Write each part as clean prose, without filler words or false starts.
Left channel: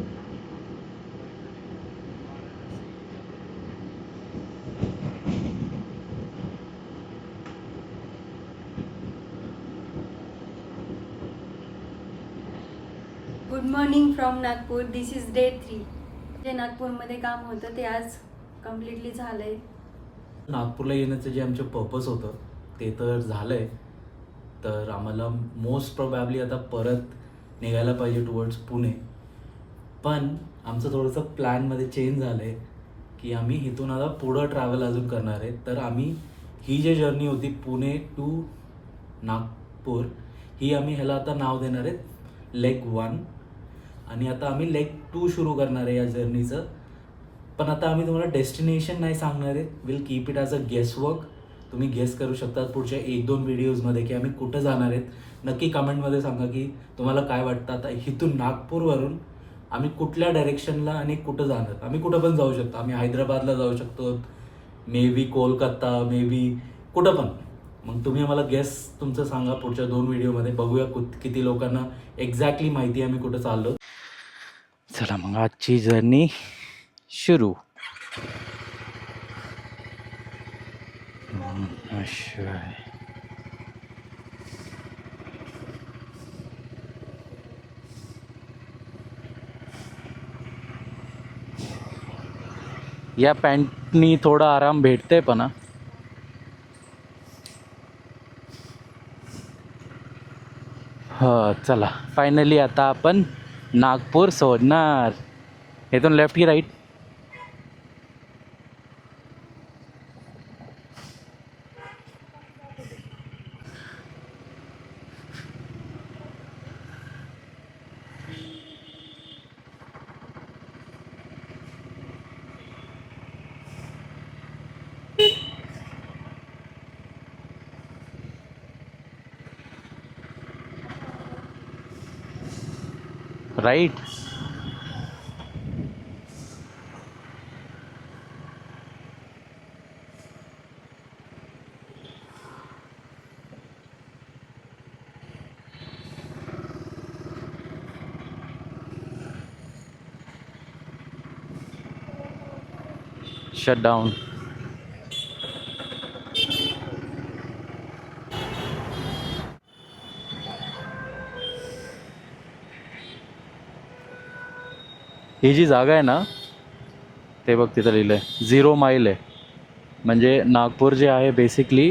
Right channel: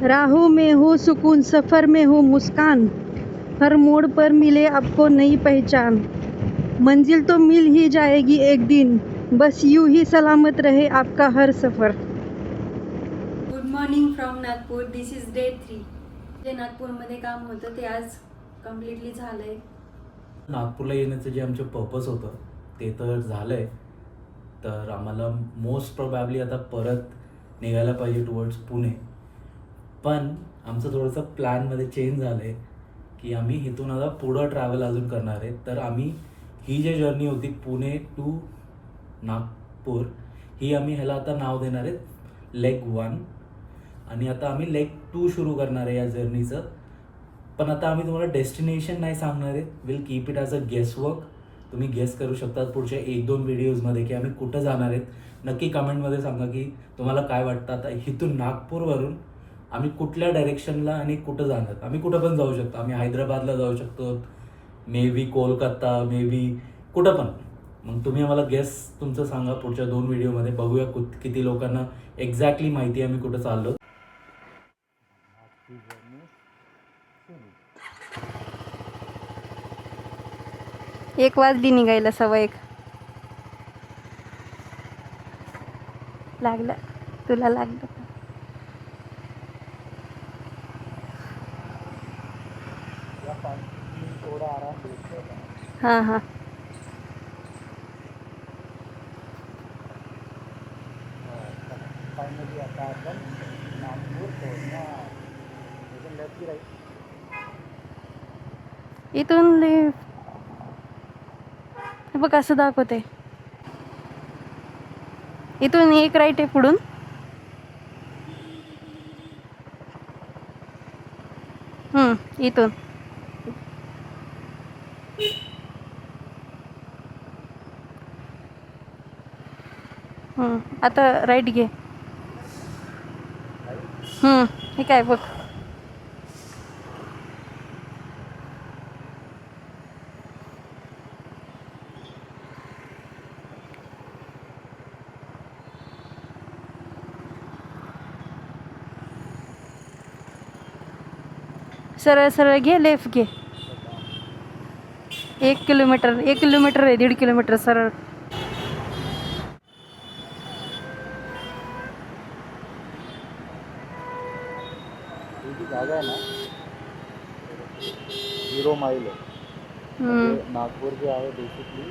राहों में हो सुकून, सफ़र में हो मुस्कान, हर मोड़ पर मिले आपको नई पहचान, मंजिल तो मिल ही जाएगी एक दिन, बस यूं ही सलामत रहे आपका हर सफ़र. Good morning from Nagpur. This is day 3. जे नागपूरमध्ये काम होतं ते आज कम्प्लिटली झालंय. नागपूरला येण्याचं जे आमचं पर्पज होतं ते तर झालंय. तर आम्हाला मोस्ट प्रोबॅबली आता परत निघायला पाहिजे टुवर्ड्स पुणे. पण आमचं थोडंसं प्लॅनमध्ये चेंज झालं आहे की आम्ही इथून आता पुढं ट्रॅव्हल अजून करणार आहे. तर आम्ही ही जी जर्नी होती पुणे टू नागपूर, ही आम्ही ह्याला आता नाव देणार आहे लेग 1. आणि आता आम्ही लेग 2 सुरू करणार आहे या जर्नीचं. पण आता आम्ही तुम्हाला डेस्टिनेशन नाही सांगणार आहे. Will keep it as a guess work. तुम्ही गेस करू शकता पुढच्या 1-2 व्हिडिओजमध्ये की आम्ही कुठं जाणार आहेत. नक्की कमेंटमध्ये सांगा की तुम्हाला काय वाटतं. आता इथून नागपूरवरून आम्ही कुठल्या डायरेक्शनला आणि कुठं जाणार. आम्ही कुठं पण जाऊ शकतो. आम्ही हैदराबादला जाऊ शकतो, may be Kolkata, may be कुठं पण. मग तुम्ही आम्हाला गेस तुमचं सांगा पुढच्या 2 व्हिडिओमध्ये. बघूया किती लोकांना एक्झॅक्टली माहिती आहे आम्ही कुठं चाललो. चला मग आजची जर्नी सुरू. 1 वाजली निघायला, 1:15. लागलं तुला, लागलं. या पॅन्टनी थोडा आराम भेटते पण. हां हां. हो चला, फायनली आता आपण नागपूर सोडणार. इथून लेफ्ट की राईट? इथून हे बघ असं दाखवते. इथून एक राईट आहे पुढून. इथून आता राईट घे. राईट? हे काय बघ. सरळ सरळ घे, लेफ्ट घे. Shut down. 1 किलोमीटर, 1 किलोमीटर आहे, 1.5 किलोमीटर सरळ. ही जी जागा आहे ना, ते बघ तिथं लिहिलंय 0 माईल आहे. म्हणजे नागपूर जे आहे बेसिकली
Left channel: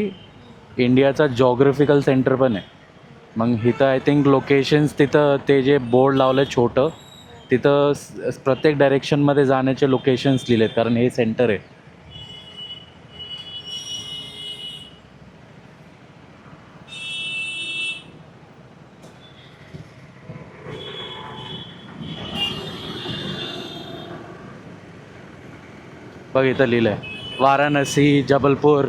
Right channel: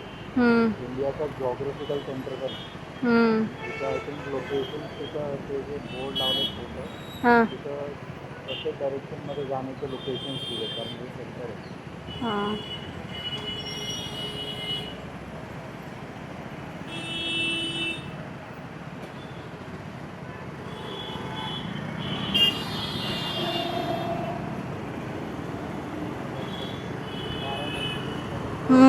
इंडियाचा जॉग्राफिकल सेंटर पण आहे. मग इथं आय थिंक लोकेशन्स, तिथं ते जे बोर्ड लावलंय छोटं, तिथं प्रत्येक डायरेक्शनमध्ये जाण्याचे लोकेशन्स लिहिलेत, कारण हे सेंटर आहे. बघ इथं लिहिलंय Varanasi, Jabalpur,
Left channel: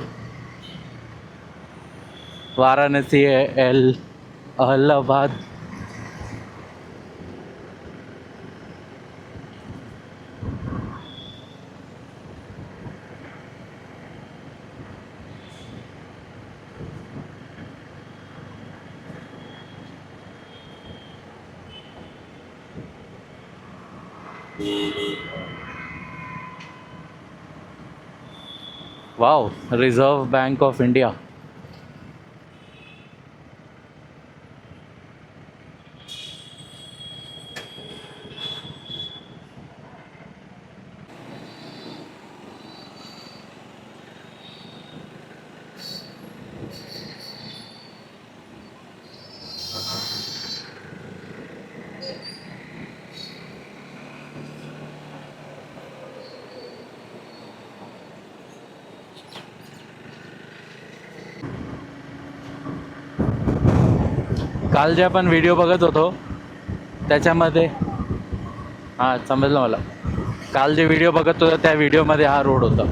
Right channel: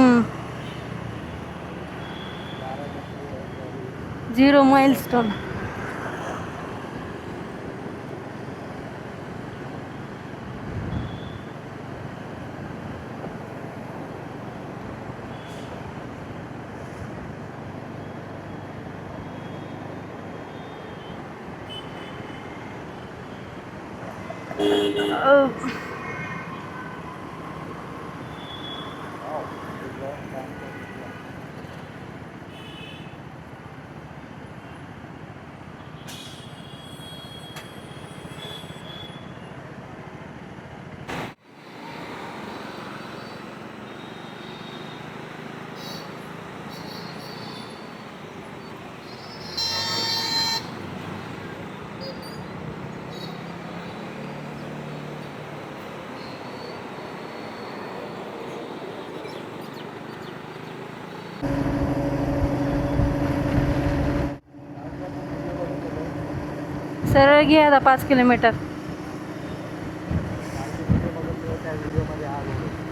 Varanasi, L 0 Ahmedabad. Wow, reserve bank of India. काल जे आपण व्हिडिओ बघत होतो त्याच्यामध्ये 5 किलोमीटर. हां, समजलं मला. काल जे व्हिडिओ बघत होता त्या व्हिडिओमध्ये हा रोड होता.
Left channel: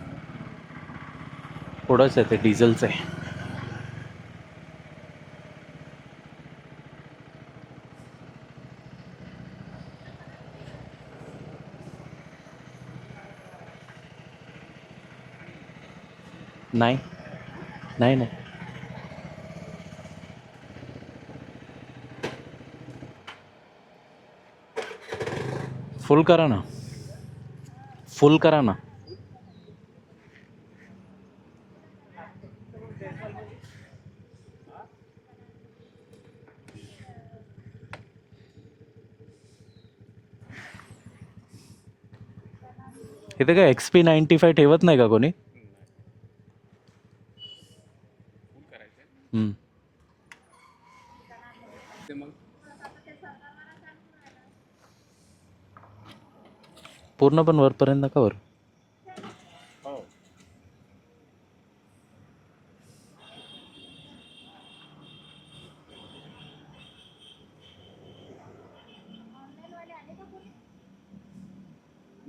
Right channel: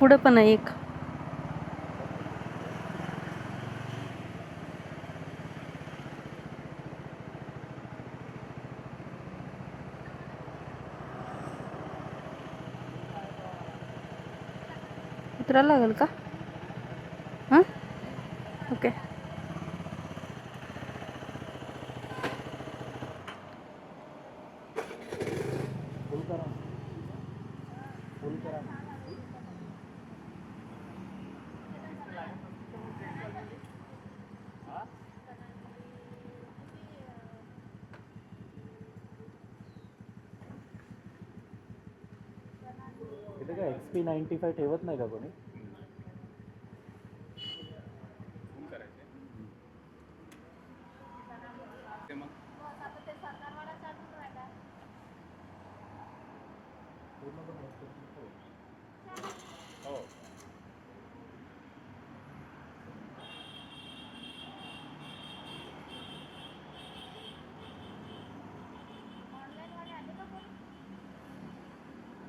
पुढं पण आहे एक. थोडंच आहे ते डिझेलचं आहे. उतरायला लागेल का? नाही हां नाही नाही. ओके. फुल करा ना, फुल करा ना. इथे काय XP95 ठेवत नाही का कोणी? हम्म. पूर्ण पण वरपर्यंत नका वर.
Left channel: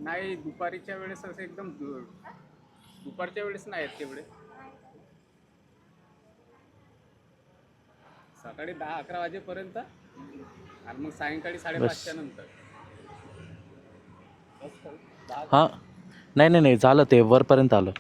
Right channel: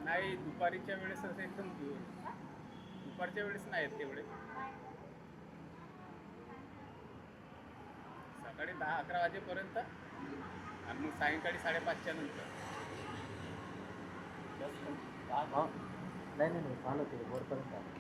नाही दुपारीच्या वेळेस असं एकदम दुपारच्या वेळेस नाही आहेत तेवढे. सकाळी 10-11 वाजेपर्यंत आणि मग सायंकाळी 5:30च्या नंतर. हां नाही नाही नाही झालं ते वरपर्यंत आलं.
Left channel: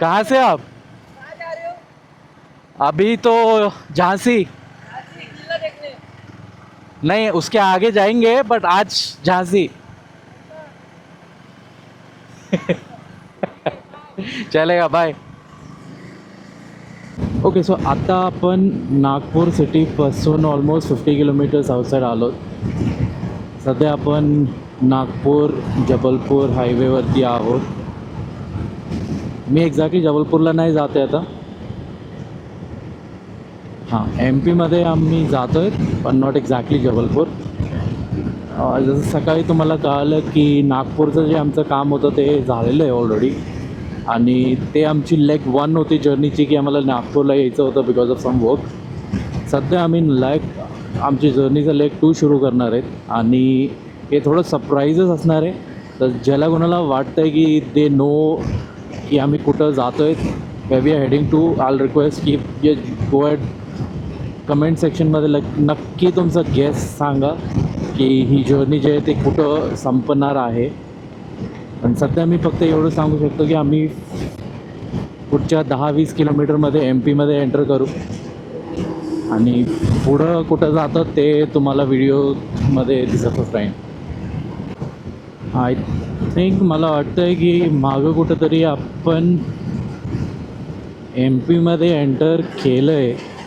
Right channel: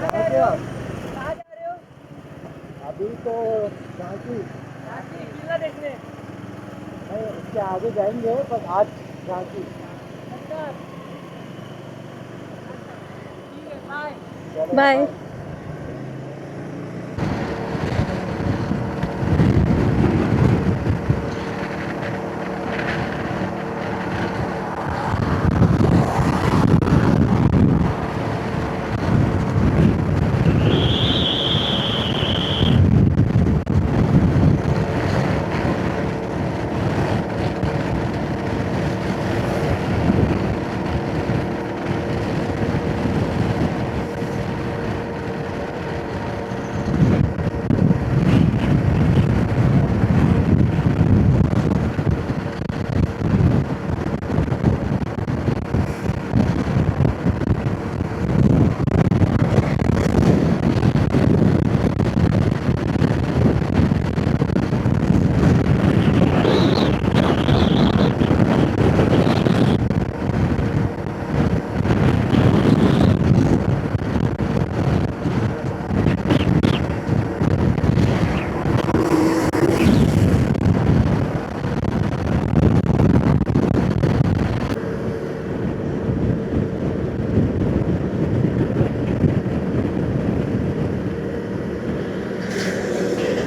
कहाँ से आप? अभी तो झांसी. नहीं उसके आगे जाएंगे बट आज झांसी. चलेगा Bye. बाय. ओके सो आता आपण नागपूर सिटीपासून ऑलमोस्ट 50 किलोमीटर्स आउटसाईड आलो. सध्या आपण नागपूर जबलपूर हायवेवरती आहोत. मी एक्झॅक्टली जबलपूरला नाही जाते आता. हां MP मध्ये आम्ही जातो आहे पण नॉट एक्झॅक्टली जबलपूर. जसं सकाळी तुम्हाला कळालं की नागपूरचं जे आमचं काम होतं ते झालेलं आहे ऑलरेडी. आणि ते आमची लेग 1 होती जर्नीची की आम्हाला नागपूरला यायचं होतं बिकॉज ऑफ सम वर्क. सध्या आम्ही आमची जर्नीचं लेग 2 सुरू करणार आहे आणि हे थोडं सरप्राईजच असणार आहे. तर ज्याला कोणाला वाटतं आहे की दे नो की आम्ही कुठं जातो आहे मे बी हेडिंग टू आल रिक्वेस्ट की ये गो ॲट कमेंट सेक्शनमध्ये नक्की तुमचं गेस सांगा की ही जर्नी जी आहे ते कुठं संपणार आहे. पण सध्या मी फक्त एवढं सांगू शकतो की आम्ही पुढच्या 10-20 किलोमीटरमध्ये MP मध्ये एंटर करू आणि पुढं कुठं जातं ते तुम्हाला व्हिडिओमध्ये दिसतच राहील. आय थिंक मला वाटतं आहे की मागं कुठंतरी आपण MP मध्ये एंटर केलं आहे.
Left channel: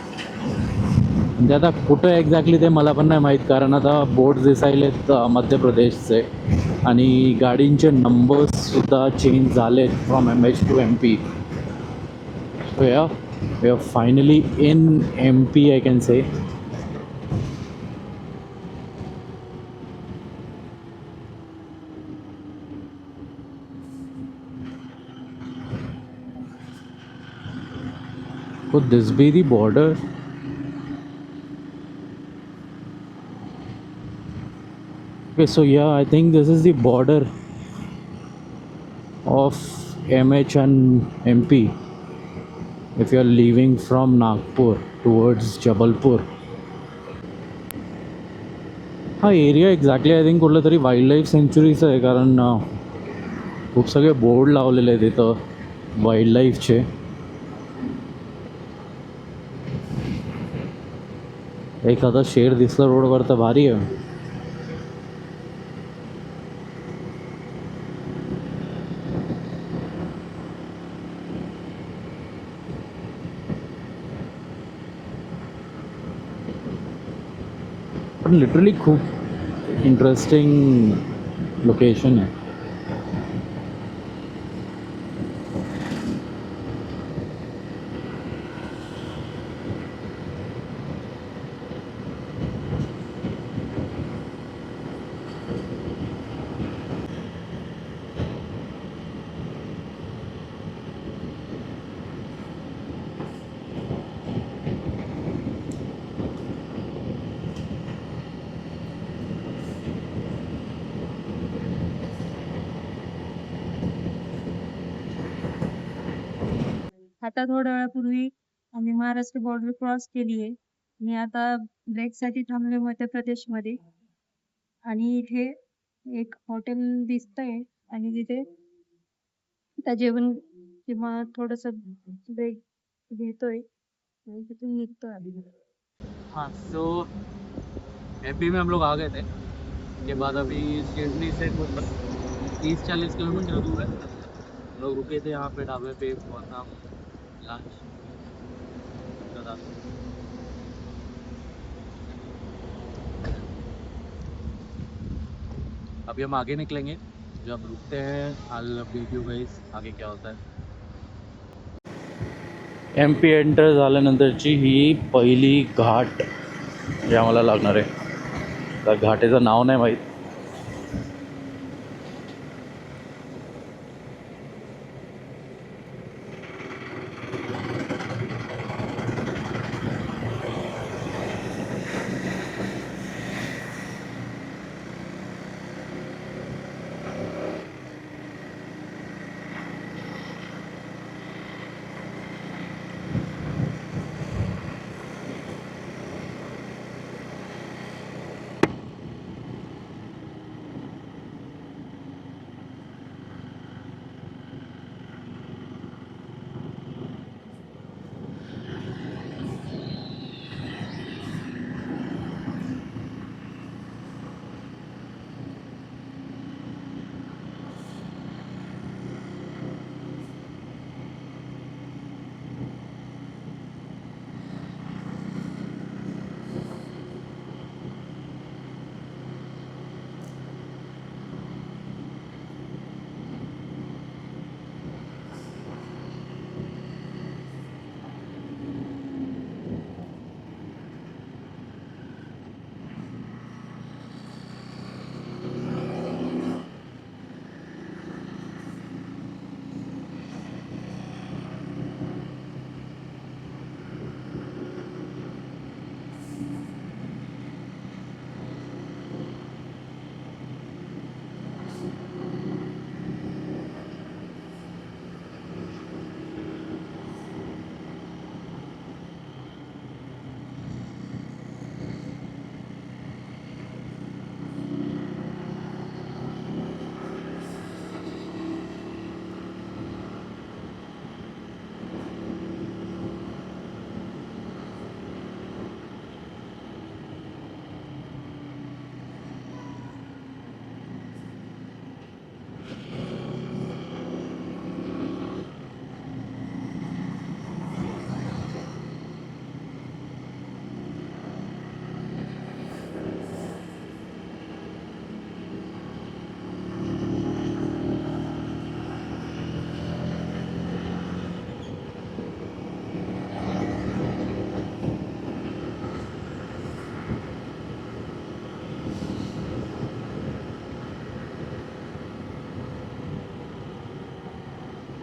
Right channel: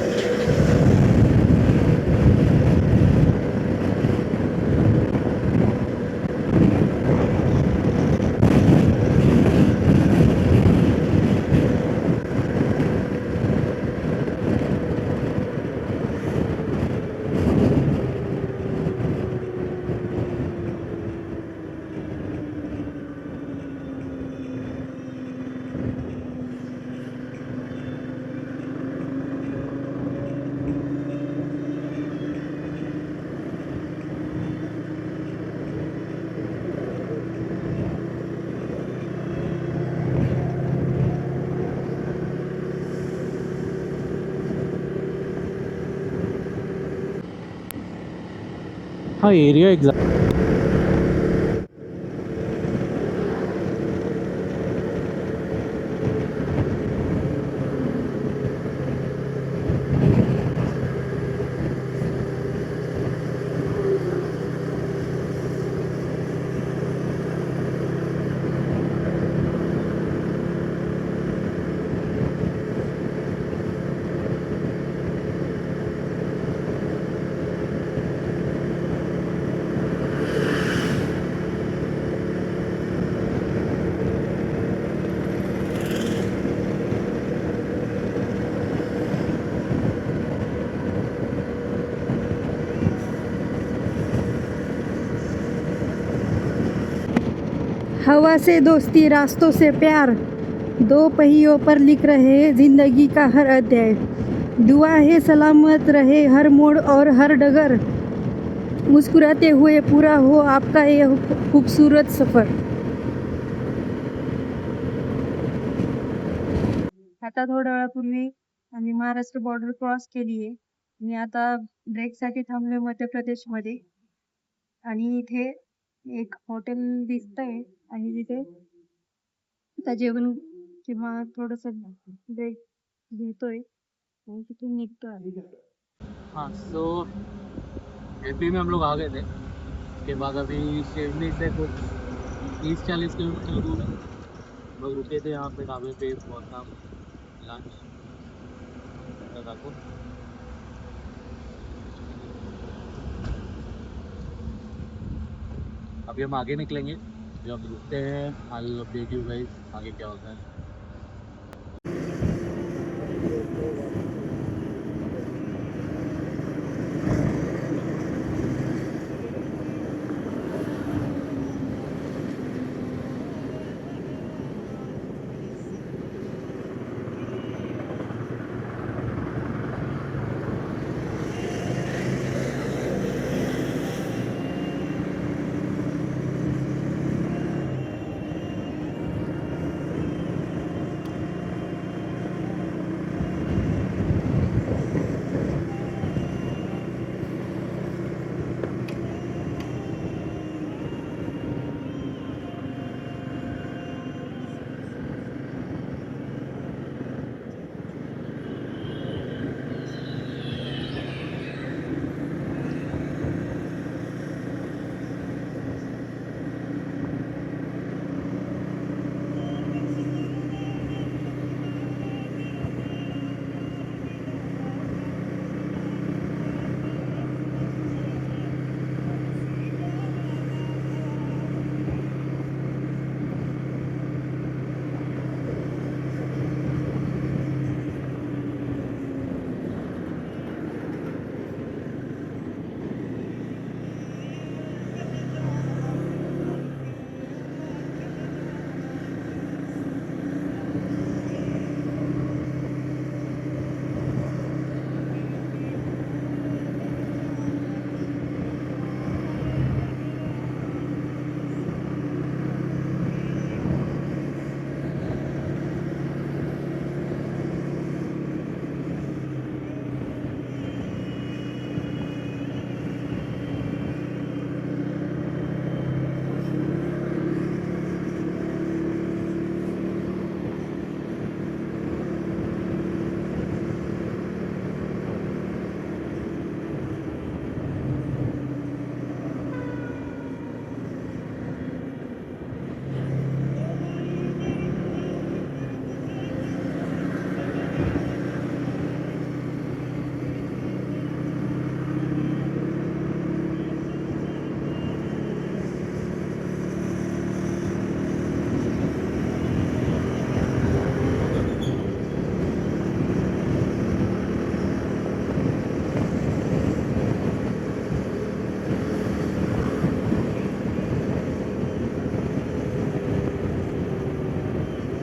म्हणजे आता कुठं एक्झॅक्टली ते मला पण नाही माहीत कारण आता बोर्ड दिसायलेत मध्य प्रदेशचे आणि गाडींचे नंबर्ससुद्धा चेंज झाले from MS to MP. We are finally in MP I can say. Could this be the border? Okay, so yeah, I think this is the border of MH and MP if you are leaving from Nagpur towards Jabalpur. हा area exactly I think कुठलं तरी wild life सेंच्युरीचं आहे कारण खूप सगळे board लावलेले आहेत इथं वाईल्ड लाईफचे. एखादा शेर दिसलं रोडवर तर भारी आहे. पण लिटरली खूप इंटरेस्टिंग लोकेशन है. हवा से दोस्ती रास्तों से प्यार, दो पहियों पर लिख रहे जिंदगी का हर अध्याय. दुआ है सलामत रहे हर मोड़ और हर डगर, मुस्कुराते हुए पूरा हो आपका ये खूबसूरत सफर. आता थोड्या वेळापूर्वी आम्ही महाराष्ट्र बॉर्डर क्रॉस केली आहे. मी आता ब्रेकसाठी थांबले मध्य प्रदेशमध्ये आणि इथे एक हॉटेल दिसतंय आणि तिथे आता जेवण किंवा थोडंसं ब्रेक घेतोय आणि तिथून निघतोय आम्ही. हाँ, तो एमपी में हम लोग आ गए थे. उसके बाद अभी शिवनी से कुछ 30-40 किलोमीटर दूर है. हम लोग रुके थे यहाँ पे ढाबे पे, बहुत लंच दाखव. अभी हम आगे निकलेंगे. जब रुकते हैं आई अपडेट यू गाइस आगे क्या होता है. MP एंटर झाल्यानंतरची ही पहिली घाट जी आम्हाला लागणार आहे. त्या घाटेचं नाव नाही माहीत.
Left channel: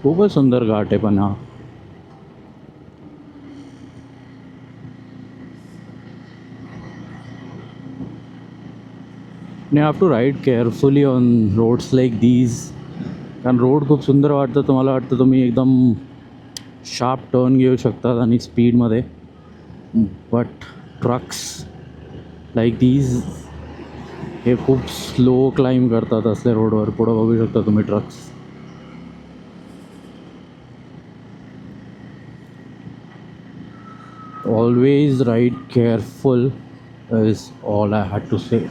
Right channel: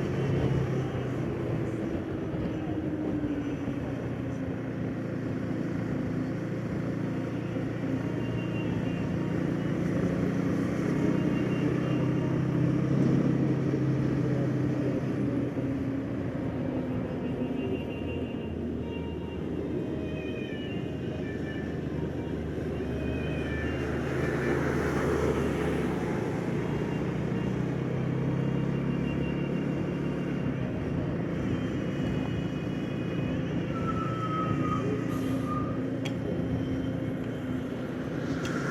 खूपच सुंदर घाट आहे पण हा. You have to ride carefully on roads like these. कारण रोड खूप सुंदर वाटतं. तुम्हाला वाटतं तुम्ही एकदम शार्प टर्न घेऊ शकतात आणि स्पीडमध्ये. बट ट्रक्स लाईक दीज हे खूप स्लो क्लाइंब करतात असल्या रोडवर. पुढं बघू शकता तुम्ही trucks. Always ride careful is all I had to say.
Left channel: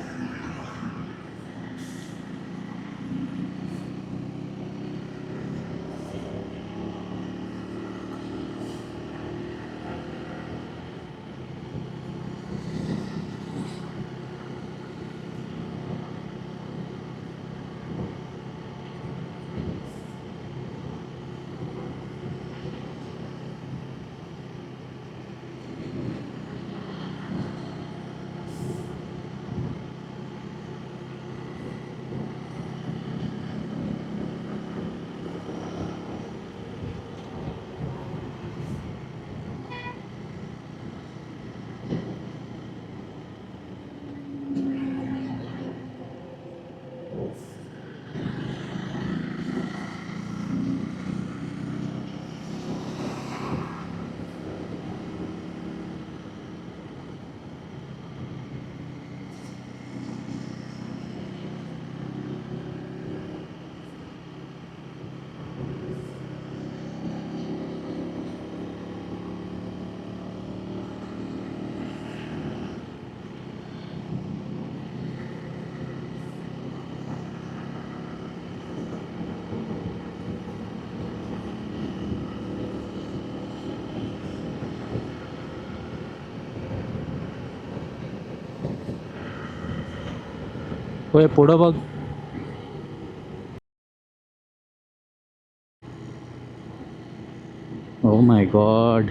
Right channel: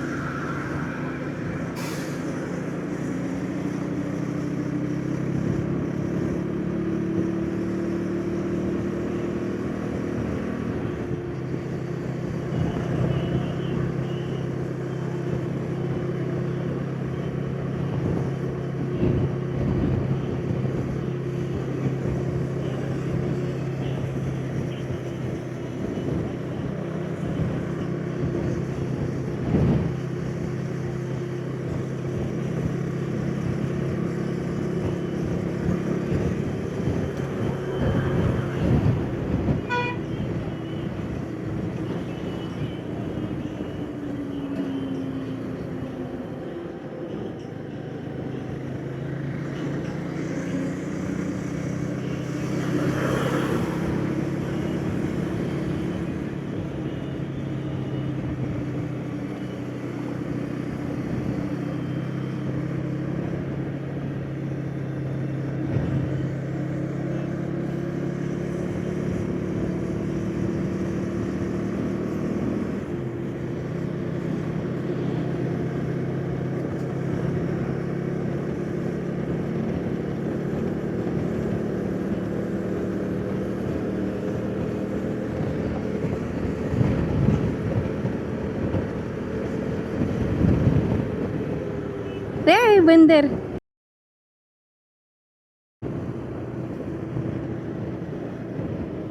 होय पुढं बघ. रे बंदर. Oh my God.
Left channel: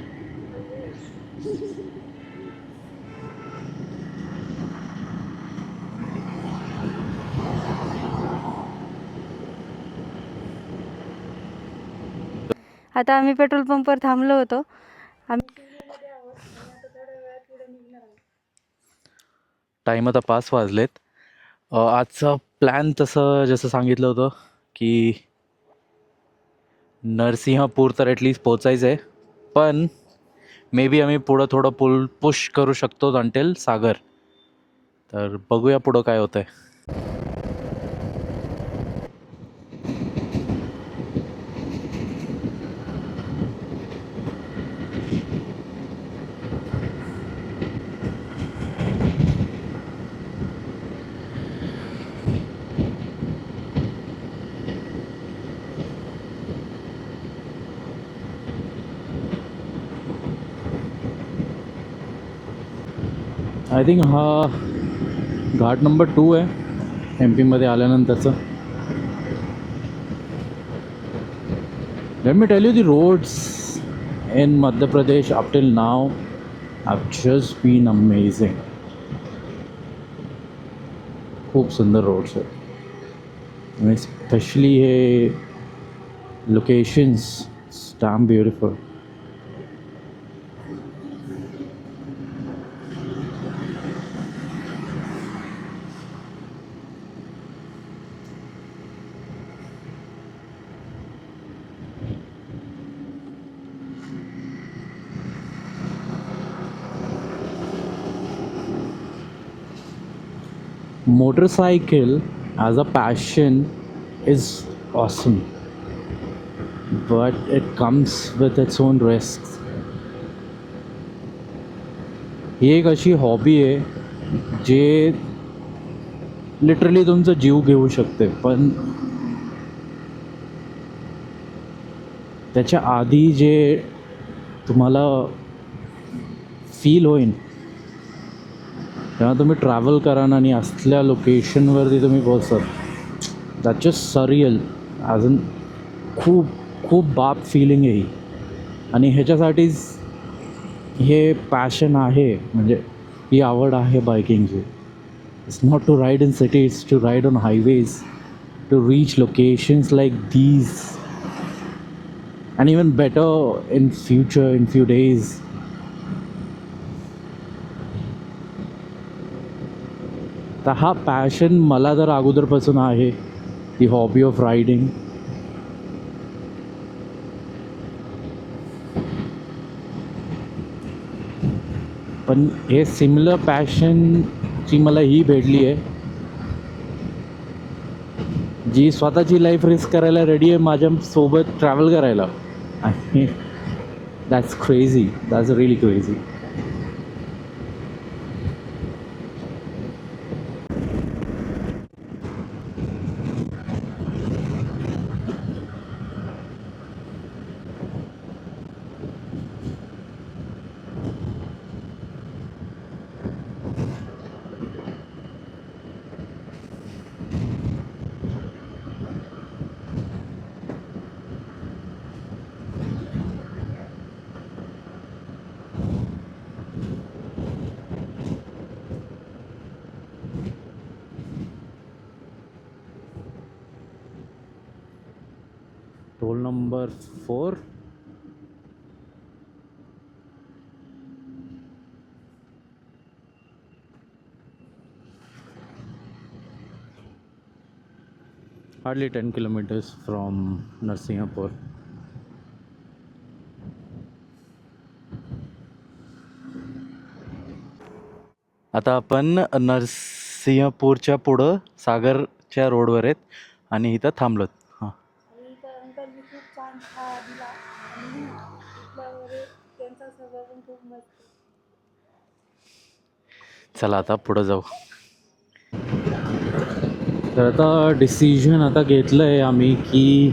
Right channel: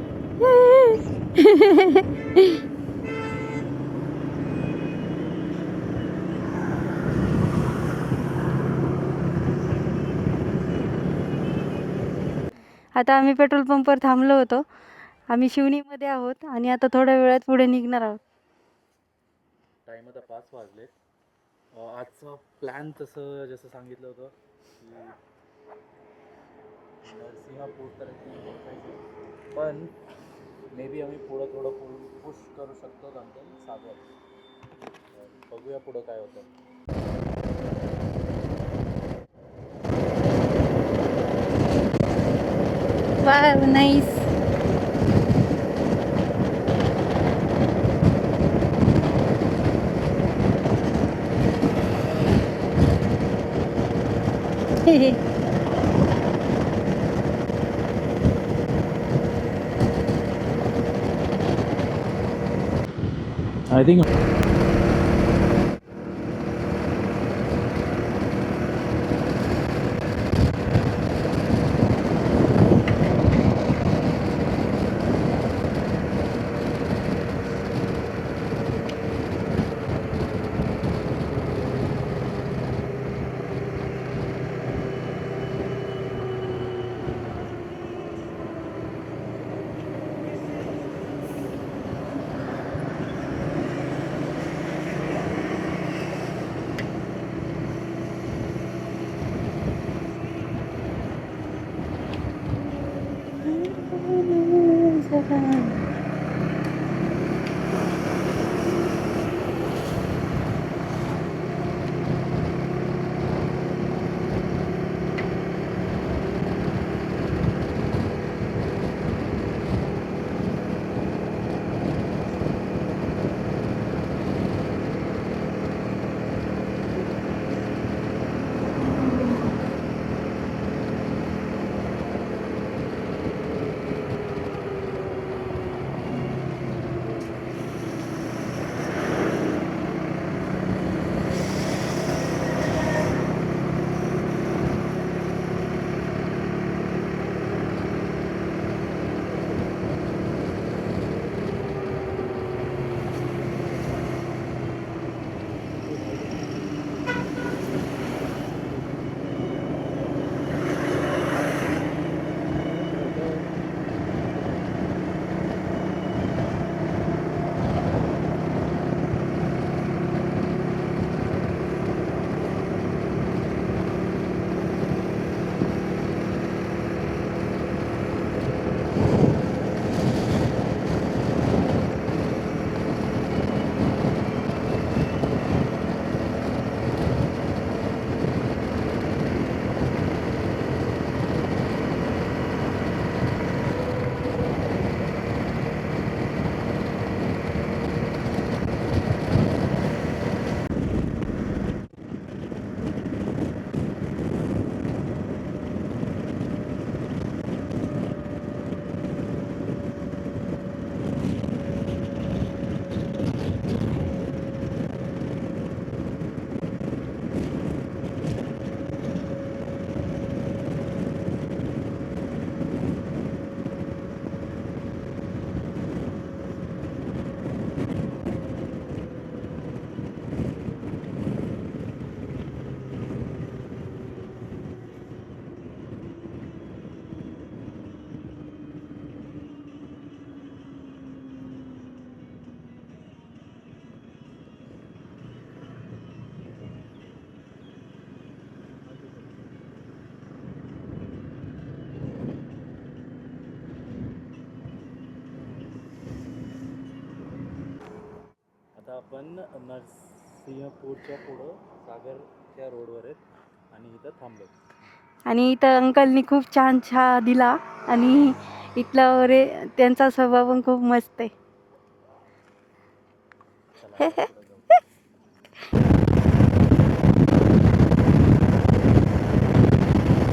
आता आम्ही पेट्रोल पंपवर थांबलो होतो. आम्ही शिवणीमध्ये आहोत आणि आता थोड्या वेळात पुढे निघणार आहोत. टाईम आता 5 वाजलेत. आजचा प्लॅन तसं जसं सांगितलं होतं की नरसिंहपूर तर ॲटलीस्ट पोचायचं आहे, पण मे बी आम्ही पुढं थोडं पुश करू शकतो अंटेल सागर. तर बघूया पुढं काय होतंय. Wow nice. आय थिंक हा घाट नंबर 2 आहे एम पीमध्ये आल्यानंतरचं. Let me tell you the roads in Madhya Pradesh up till now have just been amazing. खूप सुंदर रोड्स आहेत आणि स्पेशली हे locations damn beautiful. Motorcycle as a passion is awesome, but it comes with its own risks. ही एक अशी hobby आहे जे literally तुमचा जीव घेऊ शकते, पण त्याच्या आधी जे तुम्हाला फील होईल जेव्हा तुम्ही ट्रॅव्हल कराल आणि असल्या लोकेशनवरती तुम्ही पोहोचाल, दॅट जस्ट सरियल. अजून खूप खूप बाप फिलिंग आहे ही. आणि ह्याच्यासाठीच हे पॅशन आहे, म्हणजे ही आवड आहे बायकिंगची. It's not to ride in city, it's to ride on highways, to reach locations like these and even better in future, in few days. तर हा पॅशन मला तर अगोदरपासून आहे, दी हॉबी ऑफ रायडिंग. पण हे सिमिलर पॅशनची मला ही भेटली आहे जी स्वतःची लाईफ रिस्क करायला रेडी आहे माझ्यासोबत ट्रॅव्हल करायला. That's crazy. That's really crazy. Toll number 4. Hardly 10 kilometers from Narsinghpur. आता आपण नरसिंहपूरच्या पुढं सागरच्या रोडवर आहेत आणि इथं थांबलोत. हां, आणि इथं अंकलनी खूप छान चहा दिला आणि इथलं त्यांचा स्वभाव पण खूप मस्त आहे. चला आता पुढं जाऊ. तर आता डिसिजन आता घेतलं आहे आम्ही की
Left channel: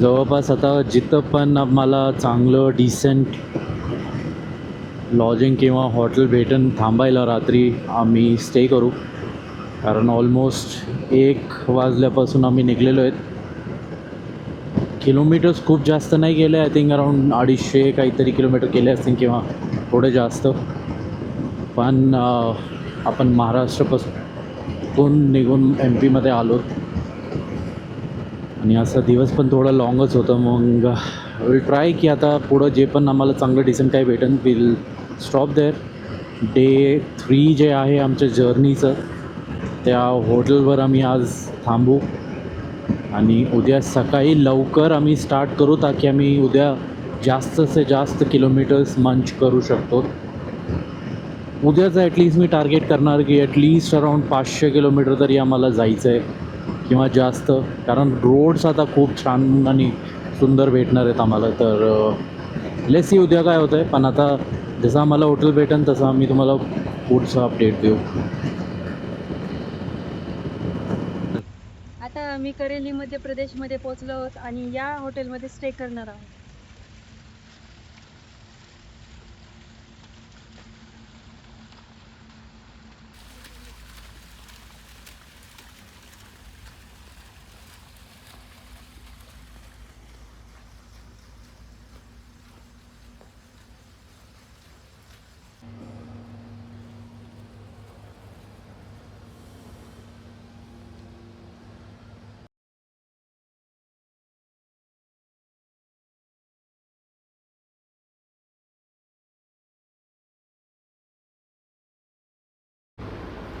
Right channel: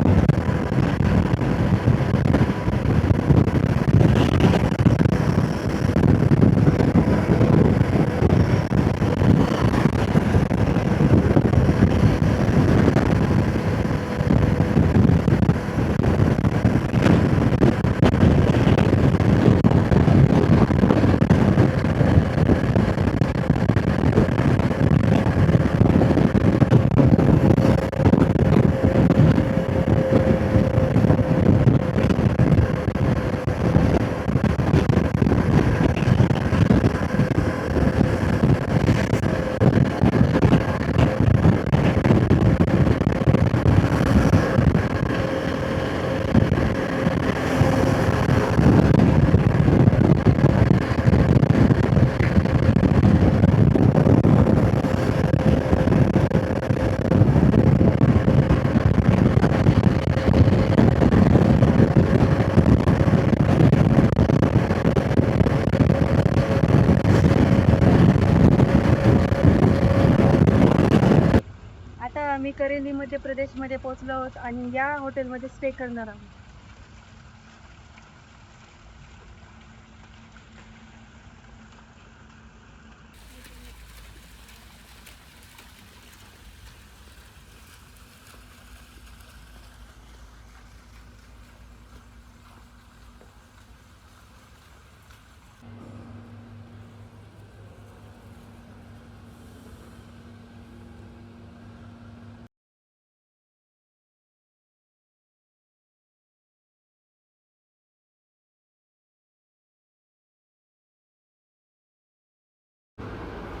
जवळपास आता जिथं पण आम्हाला चांगलं डिसेंट लॉजिंग किंवा हॉटेल भेटून थांबायला रात्री आम्ही स्टे करू. कारण ऑलमोस्ट 1 वाजल्यापासून आम्ही निघलेलो आहेत. किलोमीटर्स खूप जास्त नाही गेले, आय थिंक अराउंड 250 काहीतरी किलोमीटर गेले असतील किंवा थोडे जास्त. पण आपण महाराष्ट्रापासून निघून एम पीमध्ये आलो आणि असा दिवस पण थोडा लॉंगच होता. मग विल ट्राय की आता पुढं जे पण आम्हाला चांगलं डिसेंट काही भेटेल विल स्टॉप देअर. डे 3 जे आहे आमच्या जर्नीचं, त्या हॉटेलवर आम्ही आज थांबू आणि उद्या सकाळी लवकर आम्ही स्टार्ट करू, ताकी आम्ही उद्या जास्त से जास्त किलोमीटर्स मंच करू शकतो. उद्याचं ॲटलिस्ट मी टार्गेट करणार की ॲटलिस्ट अराउंड 500 किलोमीटर तरी आम्हाला जायचं आहे किंवा जास्त, कारण रोड्स आता खूप छान आणि सुंदर भेटणार आहेत आम्हाला. तर लेट्स सी उद्या काय होतं आहे. पण आता जसं आम्हाला हॉटेल भेटेल तसं आम्ही तुम्हाला पुढचं अपडेट देऊ. आता आम्ही करेली मध्य प्रदेशमध्ये पोहोचलो आहोत आणि या हॉटेलमध्ये स्टे करणार आहोत.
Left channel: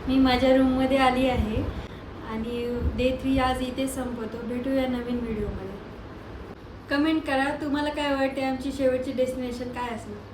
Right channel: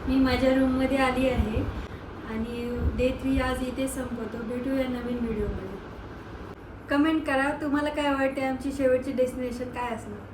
मी माझ्या रूममध्ये आली आहे आणि डे 3 आज इथे संपवतो. भेटूया नवीन व्हिडिओमध्ये. कमेंट करा तुम्हाला काय वाटते, आमची शेवटची डेस्टिनेशन काय असणार.